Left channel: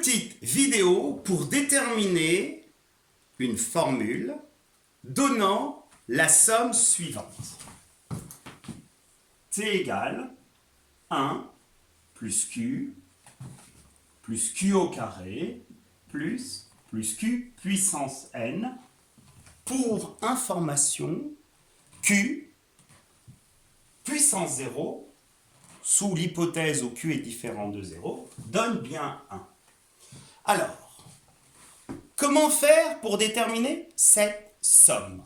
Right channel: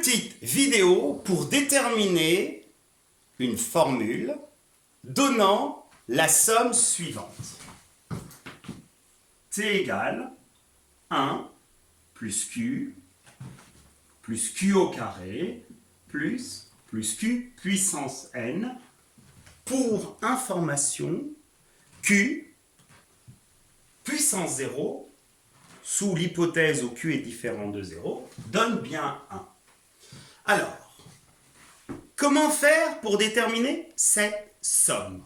petite vidéo pour déterminer une formule donnant la somme suivante. T égale 1 plus Q au carré plus Q puissance n. Pour information, Q puissance 0, sous l'hypothèse où Q est différent de 0, donne bien 1. Alors, comment faire pour déterminer cette somme?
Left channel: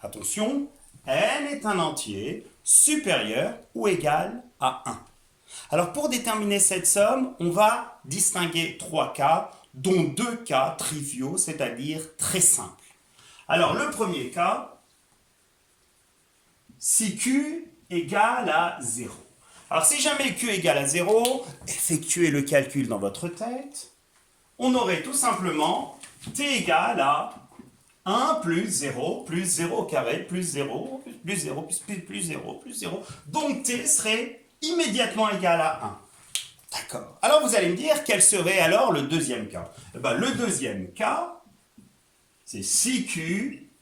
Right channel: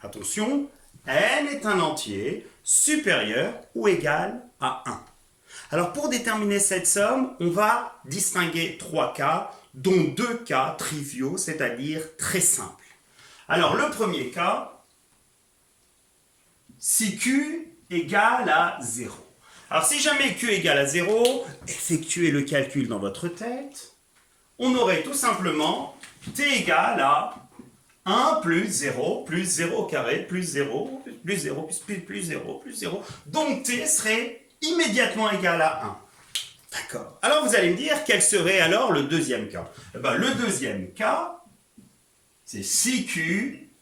Attention, n est un entier supérieur ou égal à 1. Alors, pour déterminer cette somme, on va distinguer 3 cas, dont 2 cas triviaux, c'est-à-dire très simples. Alors, le premier cas, si Q égale à 0. Alors, si jamais Q égale à 0, effectuez le calcul dans votre tête. On aurait tout simplement T égale à 1 plus 0 au carré plus 0 plus 0 plus 0 plus 0. Donc, T serait immédiatement égal à 1. D'accord. Alors, vous allez me dire, quel serait alors le deuxième cas? Le deuxième cas, c'est si Q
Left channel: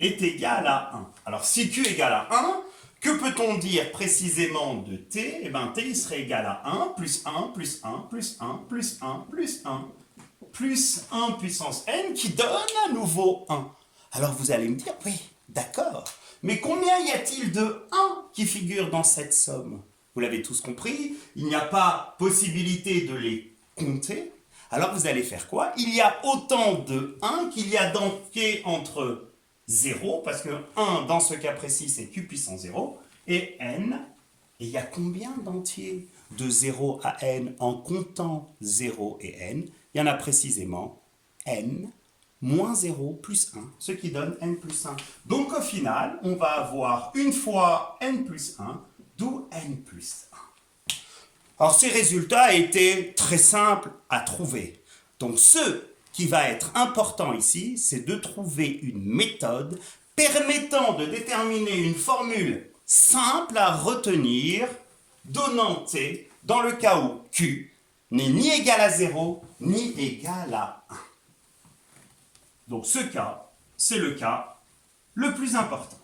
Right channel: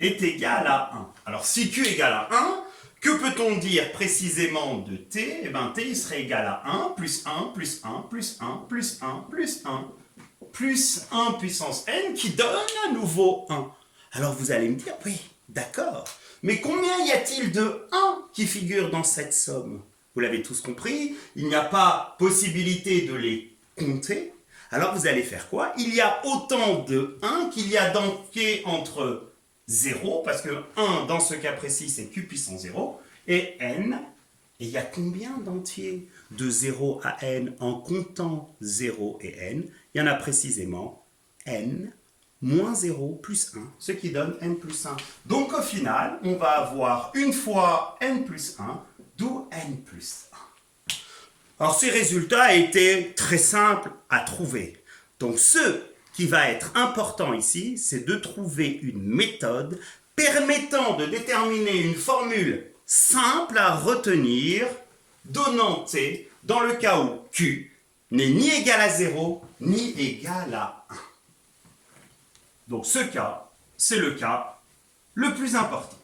est égal à 1. Alors, si Q est égal à 1, que peut-on dire précisément de T? T il serait égal à 1 plus 1 plus 1 plus 1 plus 1 plus 1 plus 1 puissance n qui donne à nouveau 1. Alors, vous allez me dire, oui, d'accord. Mais combien y a-t-il de 1 qui figure dans cette somme? Vous l'avez tous compris, il n'y a pas possibilité de les compter. Alors vous allez faire quoi? Il y a autant de 1 qu'il y a d'entiers entre 0, parce que 1 dans ce cas précis c'est Q puissance 0, et n. Et il y a combien d'entiers de 0 à n en comptant 0 et n? Il y en a précisément n moins 0 plus 1, ce qui donne n plus 1. Donc au final, on va avoir une fois n plus 1, d'où n plus 1. Alors ces résultats étaient très simples à trouver. Donc ce qui va être important ici, c'est de trouver une méthode permettant de déterminer une formule simple à retenir, donnant T dans le cas où Q n'est ni égal à 0, ni égal à 1. Donc ce cas, c'est le cas le plus important.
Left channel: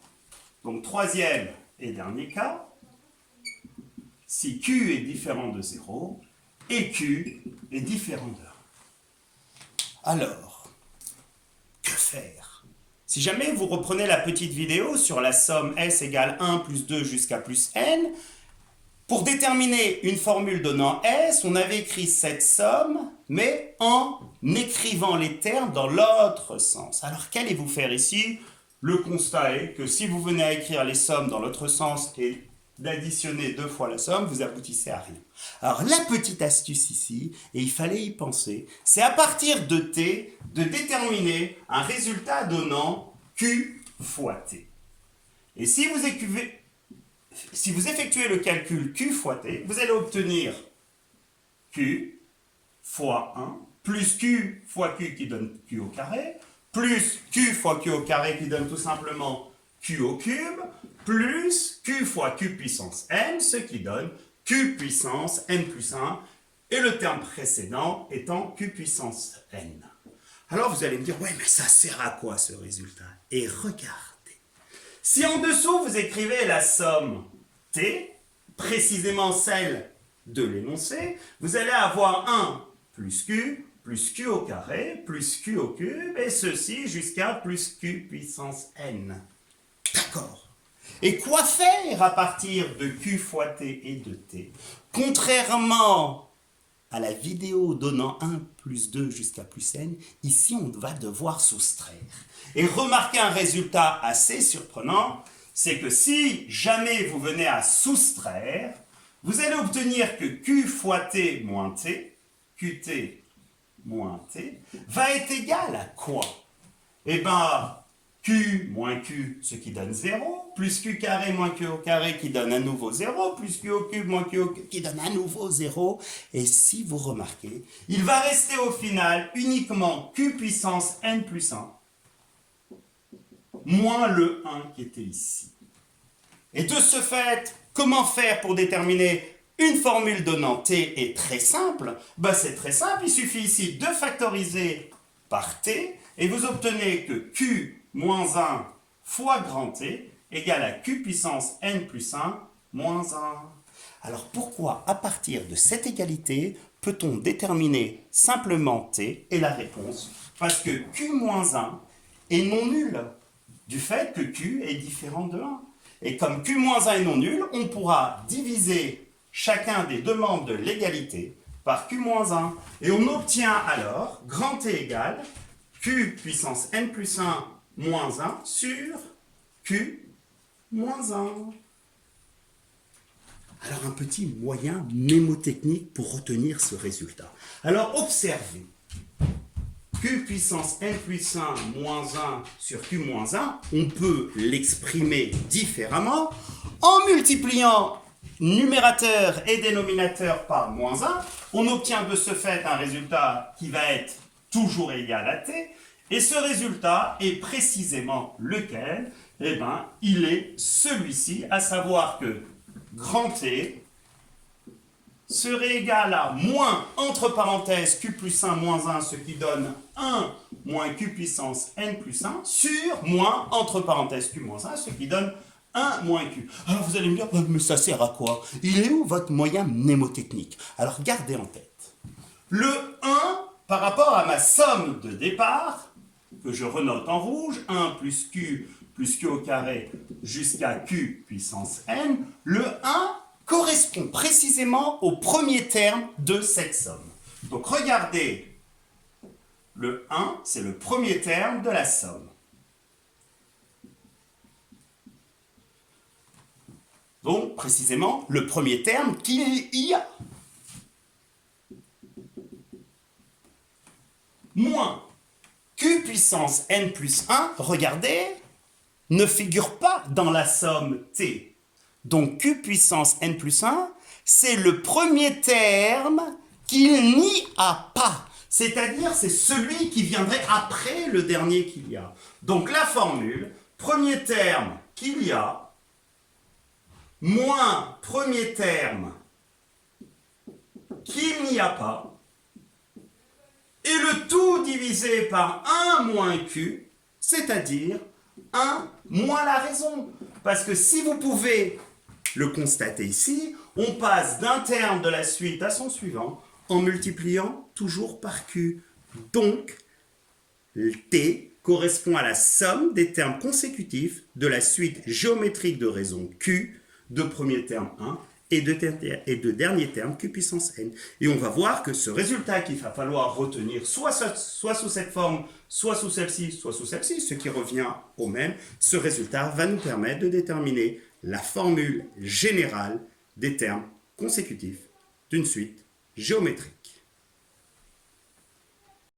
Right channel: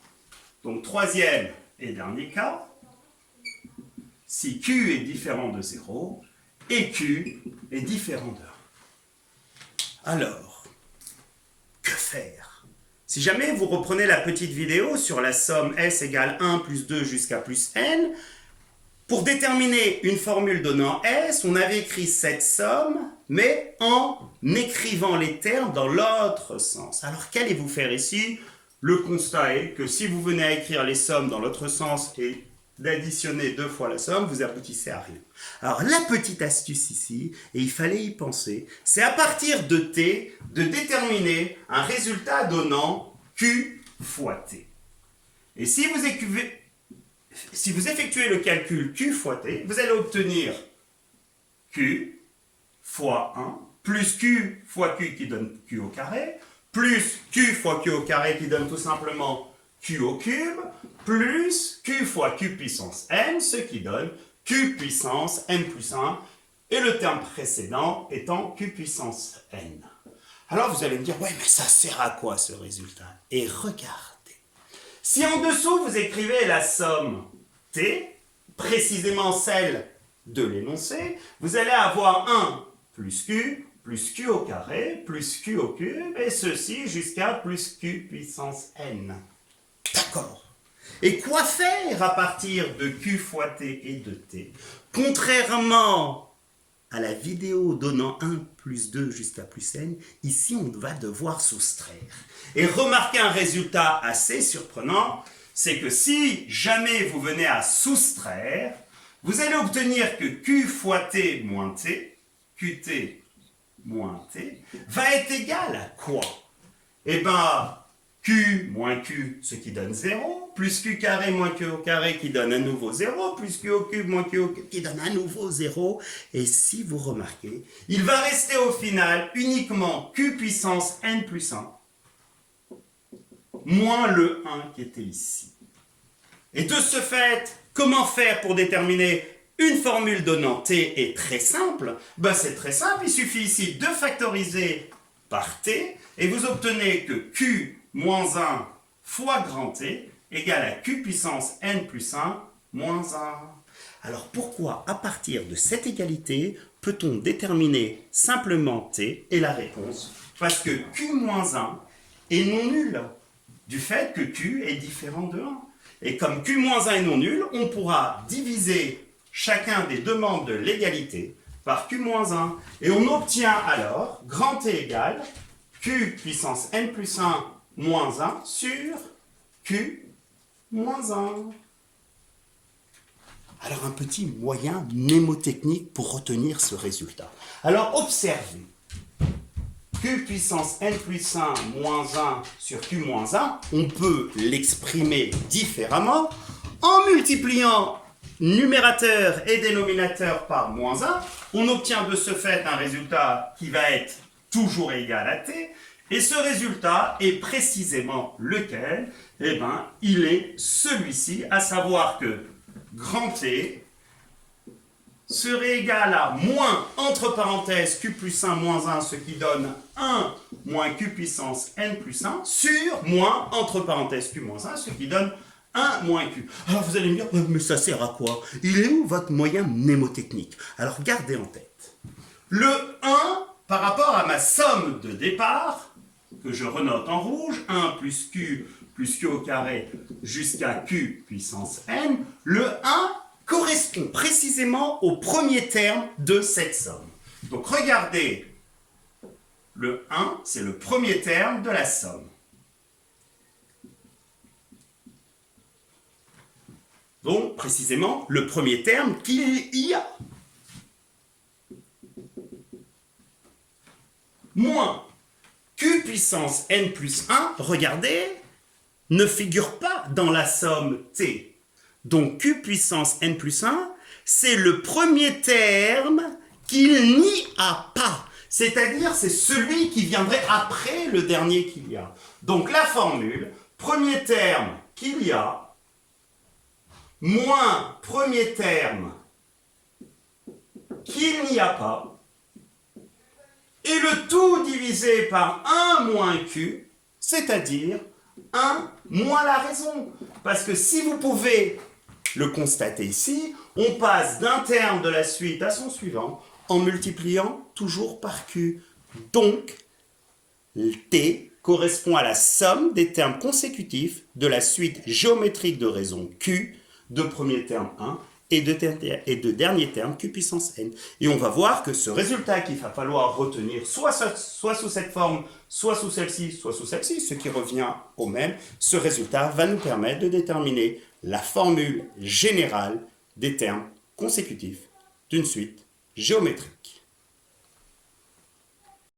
Donc troisième et dernier cas, si Q est différent de 0 et Q est différent de 1. Alors, que faire? Si jamais vous reprenez la petite vidéo sur la somme S égale 1 plus 2 jusqu'à plus n, pour déterminer une formule donnant S, on avait écrit cette somme, mais en écrivant les termes dans l'autre sens. Alors, qu'allez-vous faire ici? Le constat est que si vous venez à écrire les sommes dans l'autre sens et d'additionner 2 fois la somme, vous aboutissez à rien. Alors, la petite astuce ici, et il fallait y penser, c'est à partir de T, de déterminer un résultat donnant Q fois T. Et si vous effectuez le calcul Q fois T, vous allez obtenir Q fois 1, plus Q fois Q qui donne Q au carré, plus Q fois Q au carré qui donne tout simplement Q au cube, plus Q fois Q puissance n, ce qui donne Q puissance n plus 1, et le terme précédent étant Q puissance n. Alors vous allez me dire, ouais, mais ça sert à quoi ce résultat? Et regardez. Si en dessous vous écrivez la somme T, précisément celle de l'énoncé, vous allez avoir 1 plus Q au carré, plus Q au cube, et ceci jusqu'à plus Q puissance n. D'accord. Et quoi faire à partir de Q fois T et de T? Contrairement à la vidéo donnant 1 plus 2 jusqu'à plus n, ici on va devoir soustraire. Et remarquez un résultat assez surprenant, c'est que si jamais vous venez à soustraire, vous allez obtenir que Q fois T moins T, QT moins T, va être égal à quoi? Eh bien, Q moins Q, ce qui donne 0, plus Q carré moins Q au carré qui donne à nouveau 0, plus Q au cube moins Q au cube qui donne à nouveau 0. Et si vous remarquez, il va rester au final uniquement Q puissance n plus 1, moins le 1 qui était ici. Et de ce fait, comment faire pour déterminer Une formule donnant t est très simple. Ben, c'est très simple, il suffit ici de factoriser par t et vous obtenez que q moins 1 fois grand T égale à q puissance n plus 1 moins 1. Alors pourquoi, à partir de cette égalité, peut-on déterminer simplement T? Et la réponse, parce que Q moins 1 est non nul, du fait que Q est différent de 1. Et comme Q moins 1 est non nul, on pourra diviser chacun des deux membres de l'égalité par Q moins 1. Et on obtient alors grand T égale Q puissance n plus 1 moins 1 sur Q moins 1. Alors un petit moyen mnémotechnique pour retenir ce résultat. Alors observez, Q puissance n plus 1 moins 1 sur Q moins 1, on peut l'exprimer différemment en multipliant numérateur et dénominateur par moins 1. On obtient de ce fait un résultat qui va être toujours égal à T. Et ce résultat est précisément lequel? Eh bien, il est celui-ci, à savoir que grand T serait égal à moins, entre parenthèses, Q plus 1 moins 1, ce qui donne 1 moins Q puissance n plus 1, sur moins, entre parenthèses, Q moins 1, ce qui donne 1 moins Q. Alors vous allez me dire, mais ça sert à quoi? Il est où votre moyen mnémotechnique? Alors gardez en tête. Le 1, par rapport à ma somme de départ, que je renote en rouge, 1 plus Q au carré jusqu'à Q puissance n, le 1 correspond précisément au premier terme de cette somme. Donc regardez, le 1, c'est le premier terme de la somme. Donc précisément le premier terme qu'il y a. Moins Q puissance n plus 1, regardez, ne figure pas dans la somme T. Donc Q puissance n plus 1, c'est le premier terme qu'il n'y a pas. C'est-à-dire, c'est celui qui viendrait après le dernier qu'il y a. Donc la formule, premier terme qu'il y a, moins premier terme qu'il n'y a pas, et le tout divisé par 1 moins Q, c'est-à-dire 1 moins la raison. Parce que si vous pouvez le constater ici, on passe d'un terme de la suite à son suivant en multipliant toujours par Q. Donc, T correspond à la somme des termes consécutifs de la suite géométrique de raison Q, de premier terme 1, et de dernier terme Q puissance n. Et on va voir que ce résultat qu'il va falloir retenir soit sous cette forme, soit sous celle-ci, ce qui revient au même, ce résultat va nous permettre de déterminer la formule générale des termes consécutifs d'une suite géométrique.